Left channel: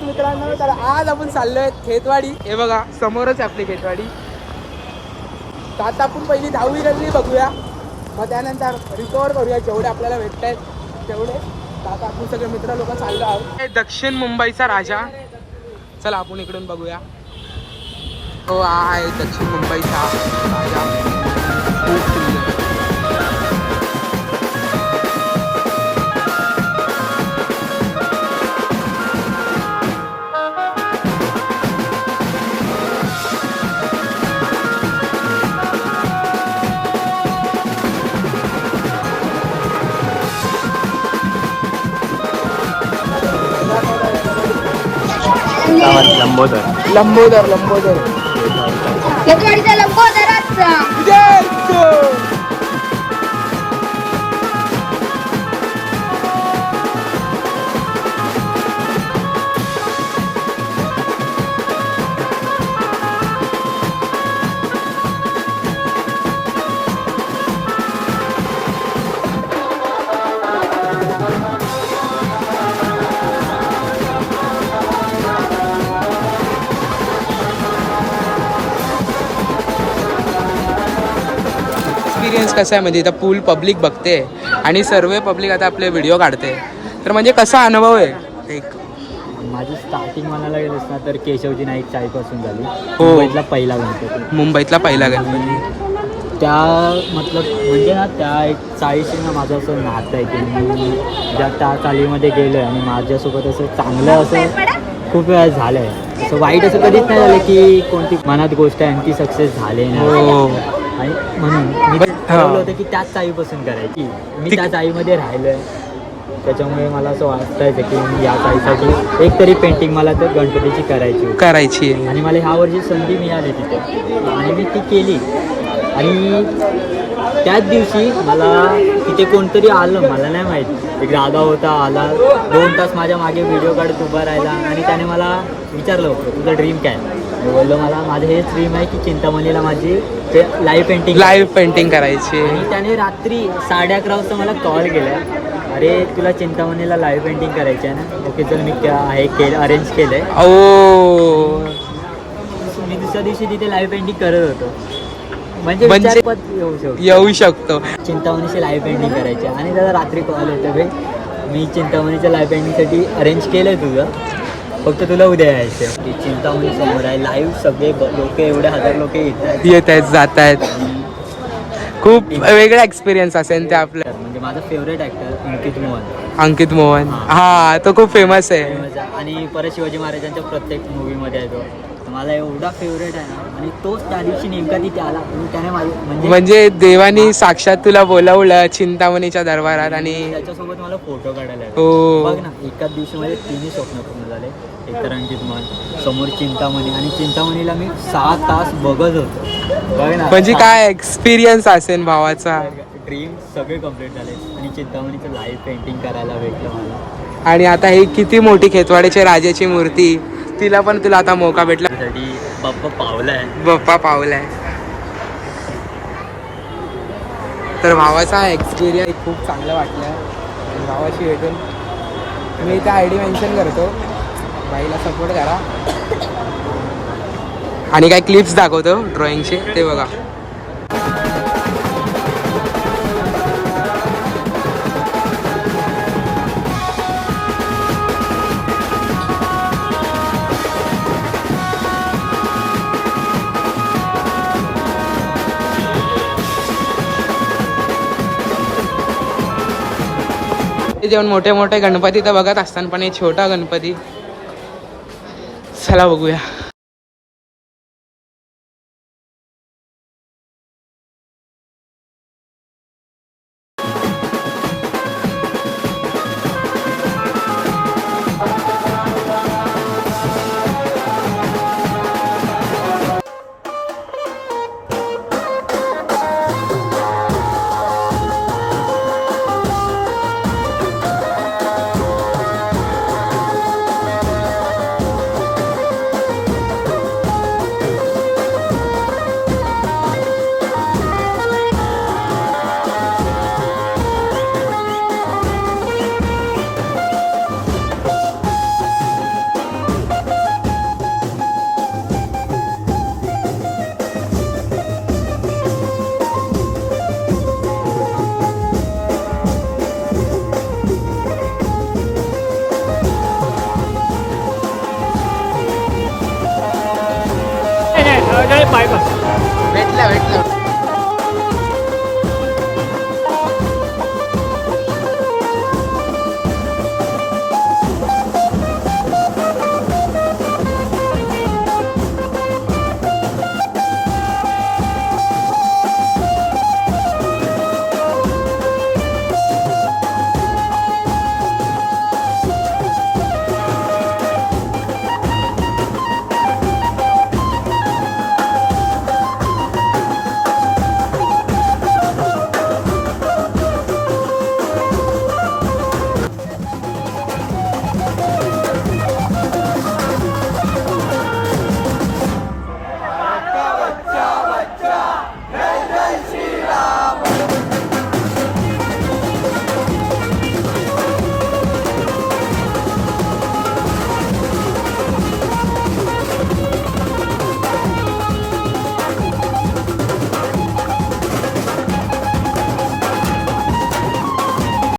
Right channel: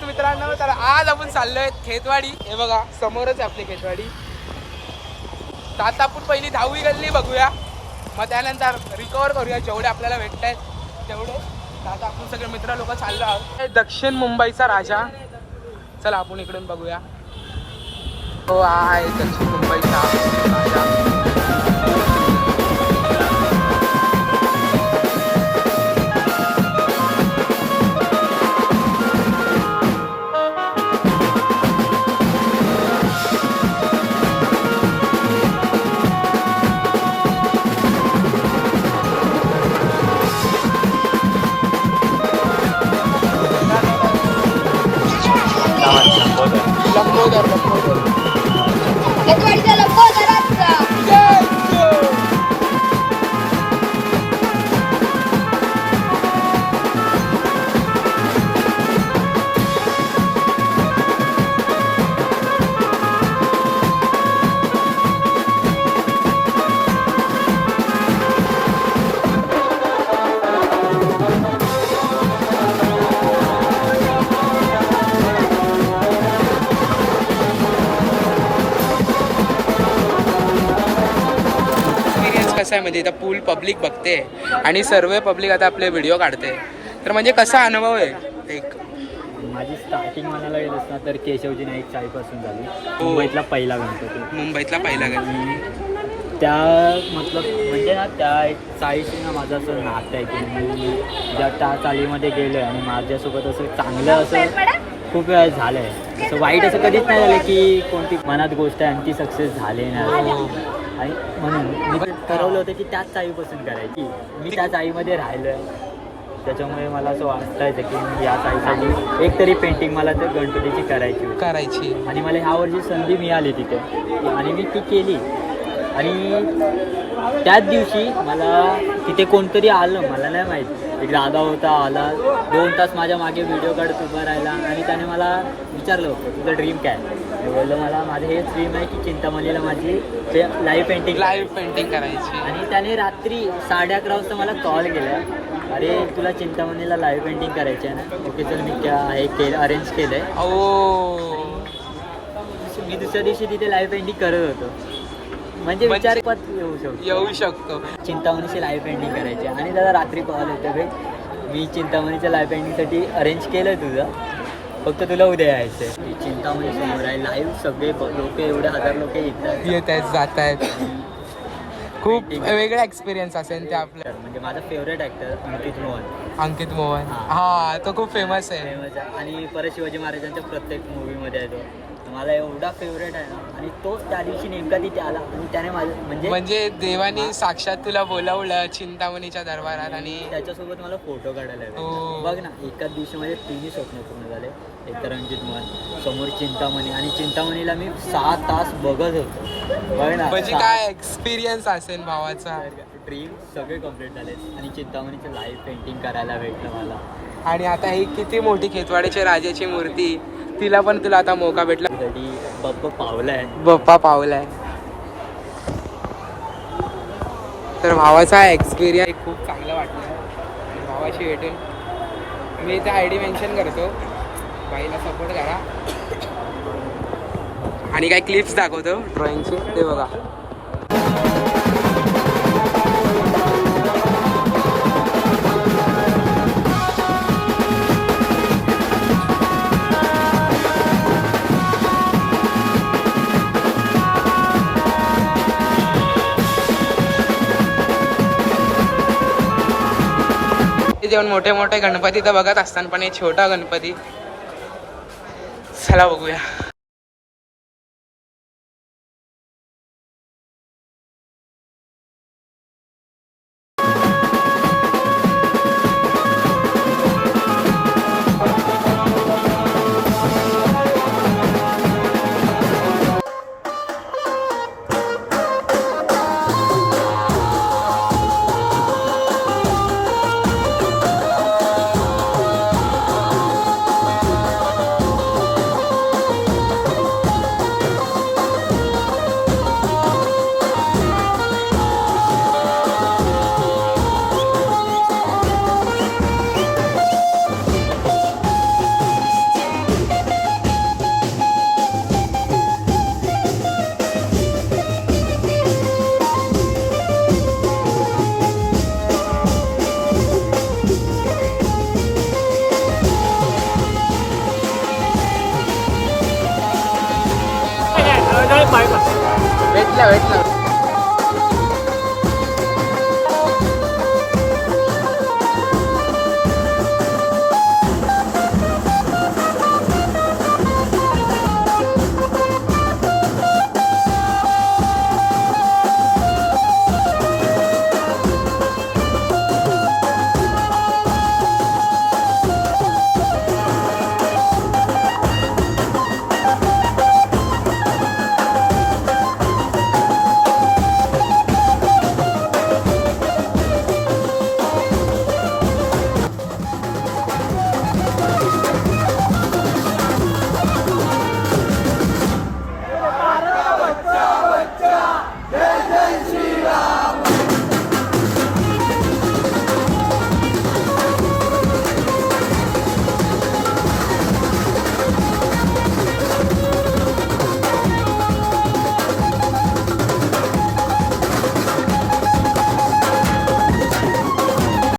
नमस्कार मित्रांनो, तर आज आपण चाललोय खेतवाडी. हे बघा समोरच आपली खेतवाडी. तर आता आपण पहिली 10वी गल्ली बघूया, मग त्यानंतर रिकवर करूया जेवढे आपल्याला भेटत आहेत तेवढे. तर आता आपण सगळे मित्र लोक चाललो आहोत. दक्षिण मुंबईचा राजा. चला आपण इकडून बघूया. तो आहे दक्षिण मुंबईचा राजा. लंबोदर कसं आहे म्हणजे इथं पूल पब्लिक बघते आणि सर्व पब्लिक आता आपले व्हिडिओ काढते. तर म्हणजे कसा अनुभव आहे. एक माझी स्टार्टिंग म्हणायला गेलंस ना तर केशवजी नाईक चाळीपासून झाली. हो. मुंबईतला पहिला गणपती. मुंबईतला पहिला गणपती. त्या मतलब म्हणजे ना त्या एक चाळीशी ना माझं असं नातं आहे की मी ज्या त्या चाळीमध्ये गेलो आणि माझ्यासोबत असं चांगलं असं खूप वेळा झालं आहे. असं वाईट असं कधीच नाही झालं की कोणती मनात गोष्ट आहे आणि ती सक्सेस झाली नाही. आणि म्हणून मी ठरवलं होतं की त्याच चाळीपासून करायची. मी त्या चाळीमध्ये राहिलो आहे, त्याच्यामुळे मला असं वाटायचं की मी या चाळीसाठी एक तरी पेंटिंग मला तर गणपतीची करायची. आणि मला ह्या वर्षी संधी मिळाली तिथे आणि मी ती केली. आणि त्याच दिवशी मला तिथे कोणतरी आलं, मला नाही माहीत, एक दादा होता, आला 2 तास माझ्या मागे व्हिडिओ काढत उभा राहिला आणि त्याने मला विचारलं होतं तुझं ड्रीम काय. मी बोललो मला माझं हेच ड्रीम आहे की चिंतामणीला माझी लाईव्ह पेंटिंग करायची. आणि त्याने रात्री 11:30 वाजता मला कॉल केला, अरे तुला चिंतामणीला लाईव्ह पेंटिंग करायची आहे ना. ओके चल मी अरेंज केलं आहे. मी दुसऱ्या दिवशी तिथे लाईव्ह पेंटिंग करत होतो. म्हणजे येऊ शकतो चिंतामणीची लाईव्ह पेंटिंग करायची. आणि जरा रात्री कॉल येतो भाई मी चिंतामणीच्या लाईव्ह पेंटिंगसाठी अरेंज केलं आहे तुझं, फक्त तुला उद्या यायचं. ती चिंतामणी समोर आहे लाईव्ह. सगळे लोक एवढे 1000 लोक येत आहेत जात आहेत. खूप वेगळा एक्सपिरियन्स असेल ते आपल्या. म्हणजे माझा फेवरेट ॲक्टर अंकित मोहन. हा तो खूप फेमस आहे. आणि परत शिवाजी महाराजांच्या प्रत्येक मूवीमध्ये आहे तो. मला एवढा फेवरेट आहे ना. आणि तोच त्या दिवशी नेमका तिथे आला आणि त्याने म्हणजे देवानी साक्षात तुला बोलावलं चिंतामणीच्या दरबारात आणि त्याच्यासोबत मला फोटो काढायला. बघ ना एकाच दिवशी माझे 3 स्वप्न पूर्ण झाले. एक तर अंकित मोहन, समोर चिंतामणी, आणि चिंतामणीला मी 6 तास बघत होतो. बघ ना म्हणजे काय एक्सपिरियन्स असेल भावाचा. ड्रीम सगळे कम्प्लीट झाले आणि चिंतामणीचं लाईव्ह पेंटिंग करायला भेटलं मला. आणि आता ही किती मोठी खेतवाडीच्या राजाची मूर्ती, तिला पण तुला आता मौका भेटला. बाप्पा पावलाय. तर भावाचा एक्सपिरियन्स खूप चांगलं वाटलं. भावाशी भेटून मी इथे ID मेन्शन करतो, बाईला सपोर्ट करा. आणि काय क्लिप्स दाखवतो ड्रॉइंगचे ते बघा. जेवण मोठे मोठे गणपती तर बघत असताना पण एक छोटा गणपती. चला बघूया. भेटला